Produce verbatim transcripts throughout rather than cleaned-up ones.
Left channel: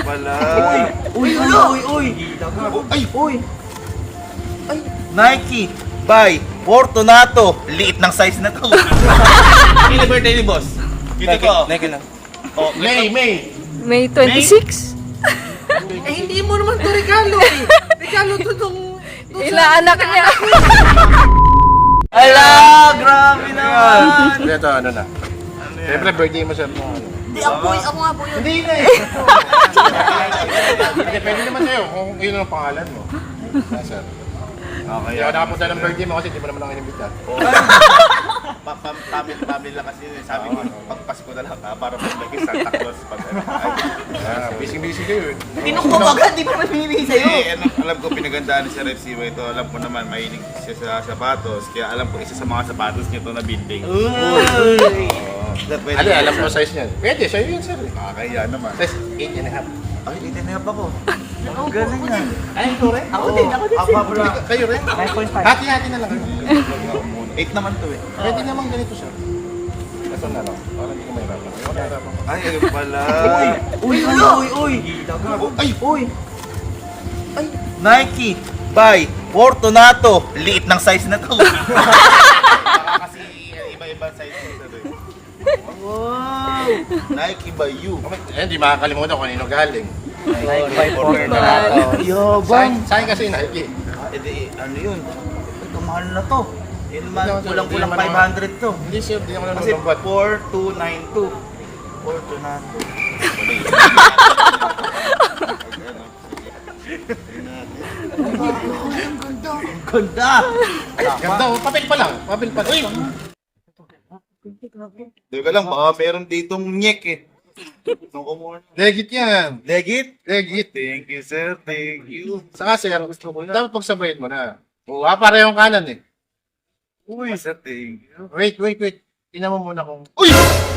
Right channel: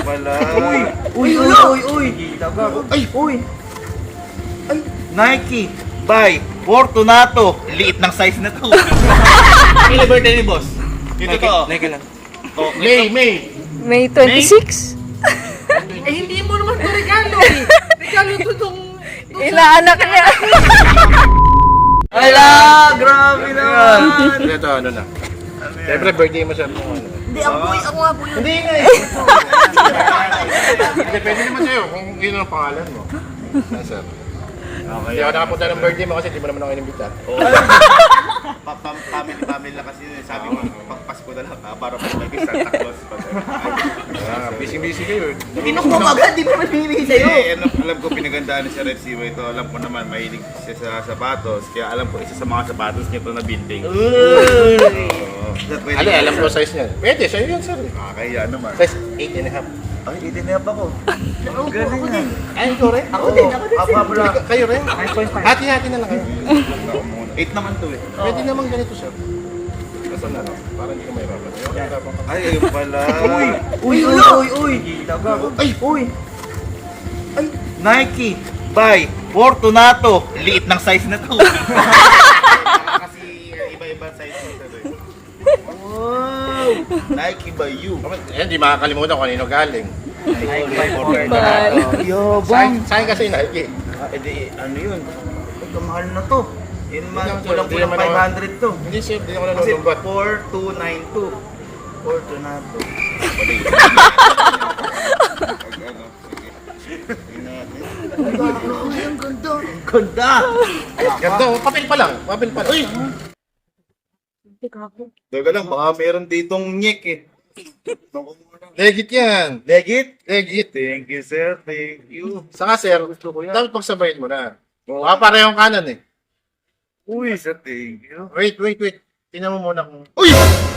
pala. Uy! Uy! Uy! Uy! Uy! Ay! Uy! Nike by Fortunato. Liit ng size na to. Kailan birthday ni boss? Dito ko. Nike lang. Oh, May, May. May twenty-six? Eh, hindi mo naman ito regalo eh. Regalo to itong... Ilang anak niya? Ala! Grabe naman! Ito, ano na. Siyempre, birthday mo siya. Hindi, ako po, ako nga po yun. Hindi nga eh. Hindi, pwede naman sa'yo kung yun ang pangalan mo. Ah, sir. Hindi ako nakapunta ng birthday mo kasi di mo naman ako inimbitan. Family lang kasi sabi ko, pag Pasko na lang, ah, para pag nag Santa Claus. Ah, busy-busy kayo eh. Hindi ko kumagad, di pa ba pinili sa'yo? Eh, alam, alam ko pinagandaan ni Sir Red Siwa ito. Alam ko naman mahilig siya sa sapatos. Kaya alam ko isa sa mga sapatos niya ito na binding. Uy! Ano, alam mo size niya? Pwede, sa'yo yun sir. Nakakaya naman. Size eight and a half. Ay, itinap ako. Ang galing na. Ay, ito rin? Ako din, ako din. Apa bro? Kayo rin? Hati-hati na lang kayo. Eight naman to eh. Pwede naman ganito sir. Kasan na lang? Para hindi ko mahirapan. Ayaw na mahirapan. Ay, ayun pala. Uy! Uy! Uy! Uy! Ay! Uy! Nike by Fortunato. Liit ng size na to. Kasi iba-iba size nito eh. Wow! Nike by you. Eh, di makakalimutan kung kanino galing. Bal. Yabang! Saan kasi Nike? Eh di, ano yun? Ito, mahal na to. Yun man, Hindi, kulang-kulang hindi naman five hundred to. Hindi sir, hindi ako Kasi nanunumbat. four two nine two. Fortunato. Wala yun. Ang ganda! Ang ganda! Ganda oh, papel pa lang. Papel pa lang. Uy! Teka lang, baka meron ditong nyek eh. Nung muna. Legit yan. Legit? Legit. Thank you, sir. Thank you. Saka sir, gusto ko yan. Dapat pagsabayin mo na. Baka parehong kanan eh. Uy, sir, thank you. Wait, wait, wait. Tingnan mo muna kung... Uy!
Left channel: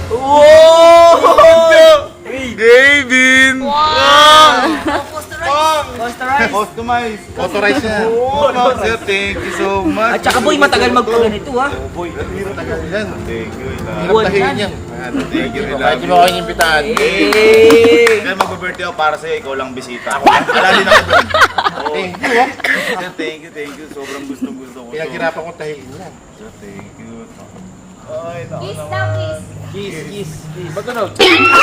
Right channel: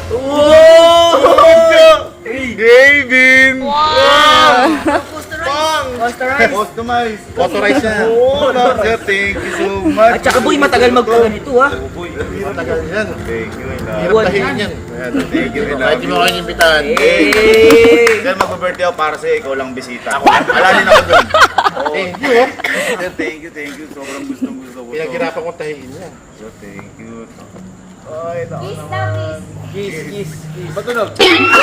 Oh! David! Wow! Posterize! Customize! Authorize na. Oo, no, sir. Thank you so much. At saka boy, matagal magpaganito ha. Boy, Matagal yan. thank you. Hirap Buwan tahiin yan. yan. Thank you. Kahit di mo kayo inimbitahan. Hey! Kaya mag-birthday ako para sa'yo, ikaw lang bisita. Ako, alalin ako doon. Thank you. Sir, thank you, thank you. Sobrang gustong gusto ko. to. Pinaghirapan kong tahiin yan. Sir, thank you. Ay, naku Kiss naman. daw, kiss. Kiss, kiss, kiss. Matunog.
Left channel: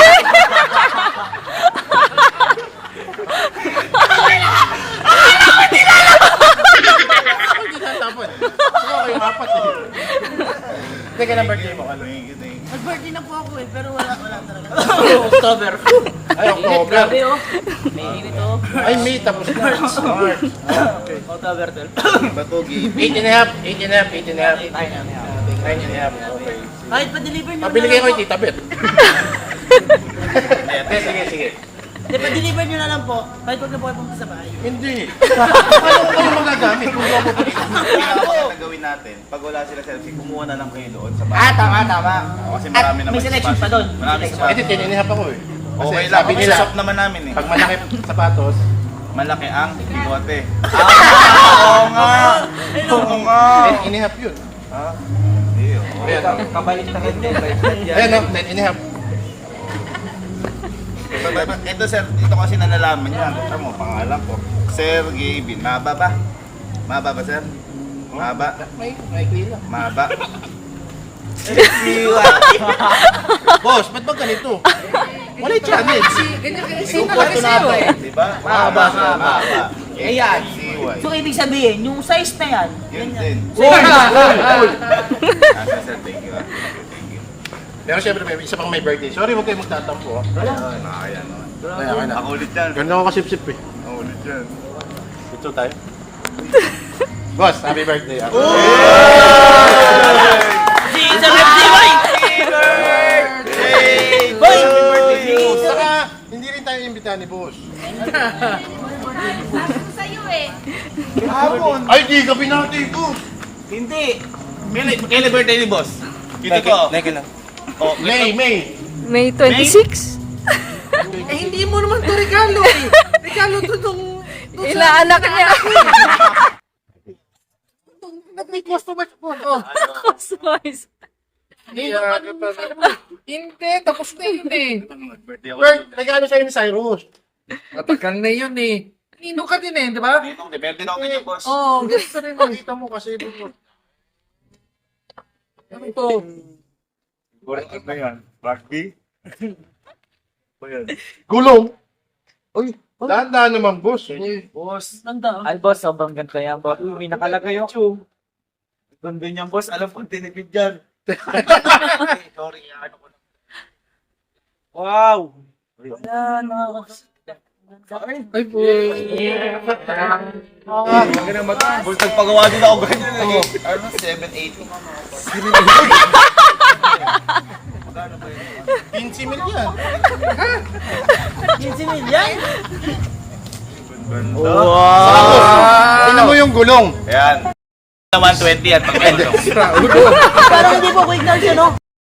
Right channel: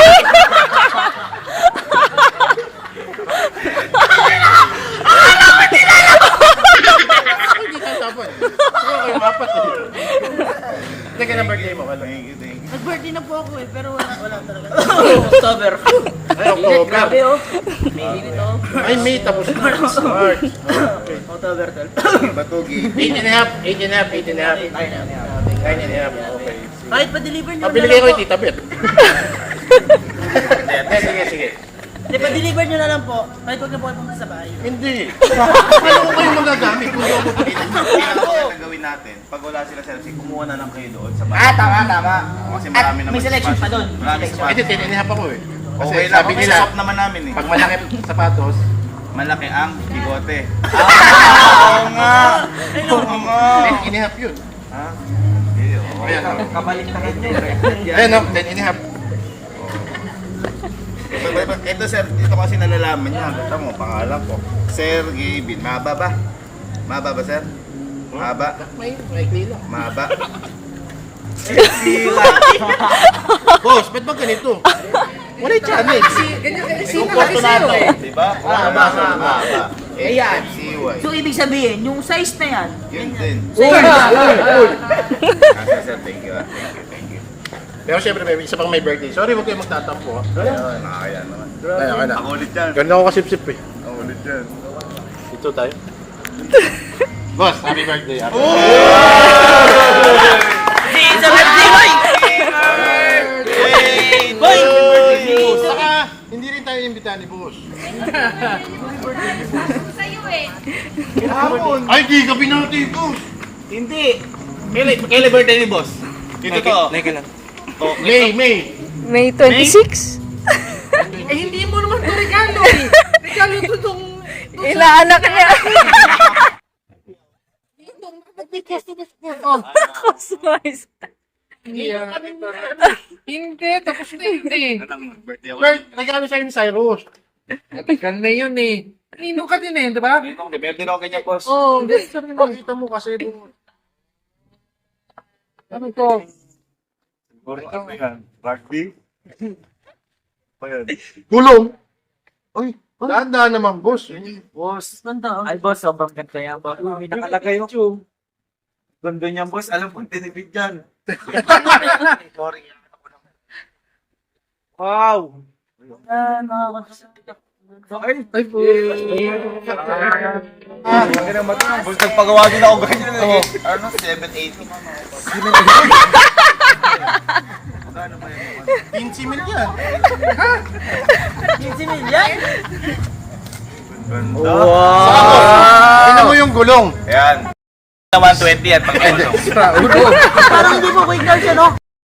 Hindi tayo tapon. Saka kayo apat eh. Teka ng birthday mo. Ano? Thank you, thank you. Nag-birthday na po ako eh, pero wala, wala talaga. October. Ay, October. Grabe oh. May higit oh. Ay, May tapos na. March. Okay. October twelve. Batugi. Eight and a half. Eight and a half. Eight and a half. Tayo na. Nine and a half. Kahit pa-deliver nyo Pabili na kayo lang kay po. Tita Bet. Sige, sige, sige. Hindi, pa-deliver nyo na lang po. Kahit huwag na po kayo pumunta sa bahay. Hindi. Ano kayo magagamit kung ako po dito? Ang gawin natin, pag wala sila sa L C, kumuha na lang kayo doon sa bahay. Ah, tama, tama. Kasi At marami naman may selection pa doon. Marami Selection. pa. Ito, tininihap ako eh. Kasi Okay lang, sabi kasi nila, shop naman namin eh. pag malaki sapatos, Malaki ang bigote. Ah, oo nga. Oo nga. ten and a half yun. Ah, hindi, oo. Ayan, oh. Kabalik na kayo. Ayan, oh, ten and a half. Ito, ito sir, ito kasi nalalaman niya. Ito mo, pangalan ko. Sir Gavin. Maba ba? Maba ba sir? Maba? May, may klila. Maba? Boss, ba't ba ganito? Wala yung channel. Yung Fortunato, di ba? Maba, maba. Ayan. C Y. So, ibig sabihin, yung size na yan, Yun din. Uy! Uy! Ah, sir, sir, thank you. ah. Pero syempre, may isa pang may birthday. Sorry, huwag kayo magtatampo. Ha? Ayun, nakakaya naman. Kaya ka na. Ako ulit yan. Ganda ko kasip-sip eh. Ako ulit yan. Dito tayo. Boss, happy birthday. Happy It's a birthday, boy! Boy! birthday. Saka, hindi rin tayo imbitahan ni boss. Sa'yo eh. Ay, di ka binati ko. Hindi. Kailan kailan birthday ni boss? Dito ko. Nike lang. Oh, May, May. May twenty-six? Eh, hindi mo naman ito regalo eh. Regalo to itong... Ilang anak niya? May customer po. Oh. Customized. Hindi, ah, Hindi, tapos na hindi. birthday ako. Bert, regalo sa'yo ni Cyrus. Matagal na yun eh. Nino ka din eh, di ba? Depende na ako kanya, boss. Oo, oh, gusto rin makita mo kasi. Ano to? Ano ba yan? Rugby? Ano yan? Gulong! Uy, dahan-dahan naman, boss. Boss. Ganda. Ay, boss, sobrang ganda yan, boss. Uy, may nakalagay yung ganda niyan, boss. Alam kong tinipid yan. Sorry, ano ko lang. Wow! Yan, nakakasakit. Ay, Ay po. Ang ganang mata. Boss, nagpagawa din ako ganyan. eh. Ano? seven eighty. fifteen mil yan. fifty million? Ganda. Tingnan mo yung gulong. Ayan. Naman twenty yan. Pag ano. Parang hindi po quick down siya, no?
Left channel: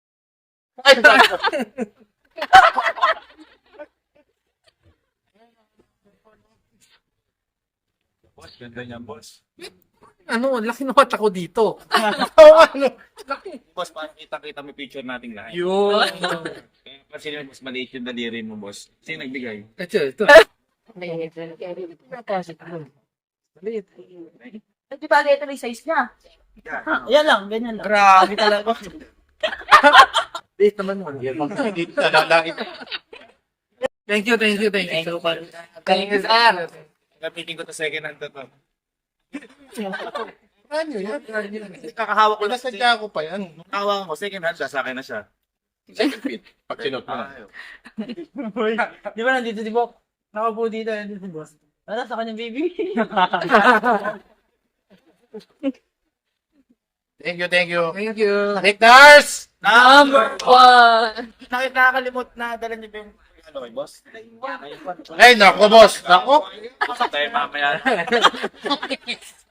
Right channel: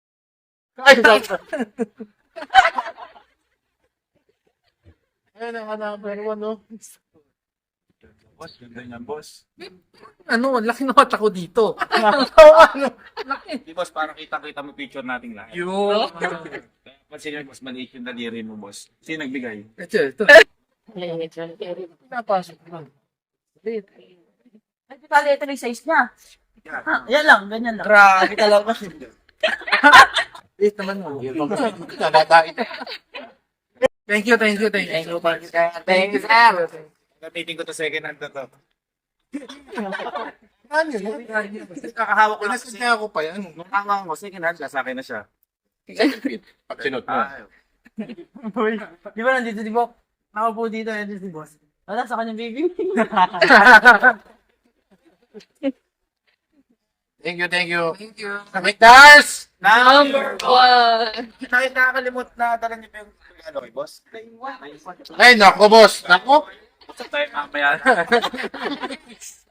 Ayan ang hanapin ko, no? Boss, ganda niyan, boss. Ano, ang laki ng mata ko dito. Di, boss, parang kita-kita mo picture nating lahat. Yun. Kasi yung mas maliit yung daliri mo, boss. Sino nagbigay? Ito, ito. Napasok mo. Maliit. Ay, di ba, ito na yung size niya. Ha, yan lang, ganyan lang. grabe talaga. Maliit naman mo. Dito na, lalain. Thank you, thank you, thank you. Thank you, thank you, sir. Gamitin ko to second hand to to. Ano yan? Kakahawak ko lang kasi. Pinasadya ko pa yan. Nung hawakan ko, second hand, sa akin na siya. Pag sinot mo. Ah, Di ba nandito si Bok? Nakaupo dito, nandito si boss. Wala, sa kanyang baby. Thank you, thank you. Thank you. Nakiktas! Number one. Nakakalimot na dala niyo ba yung ano kay boss? Ay, nako, boss. Nako. Pasok tayo mamaya.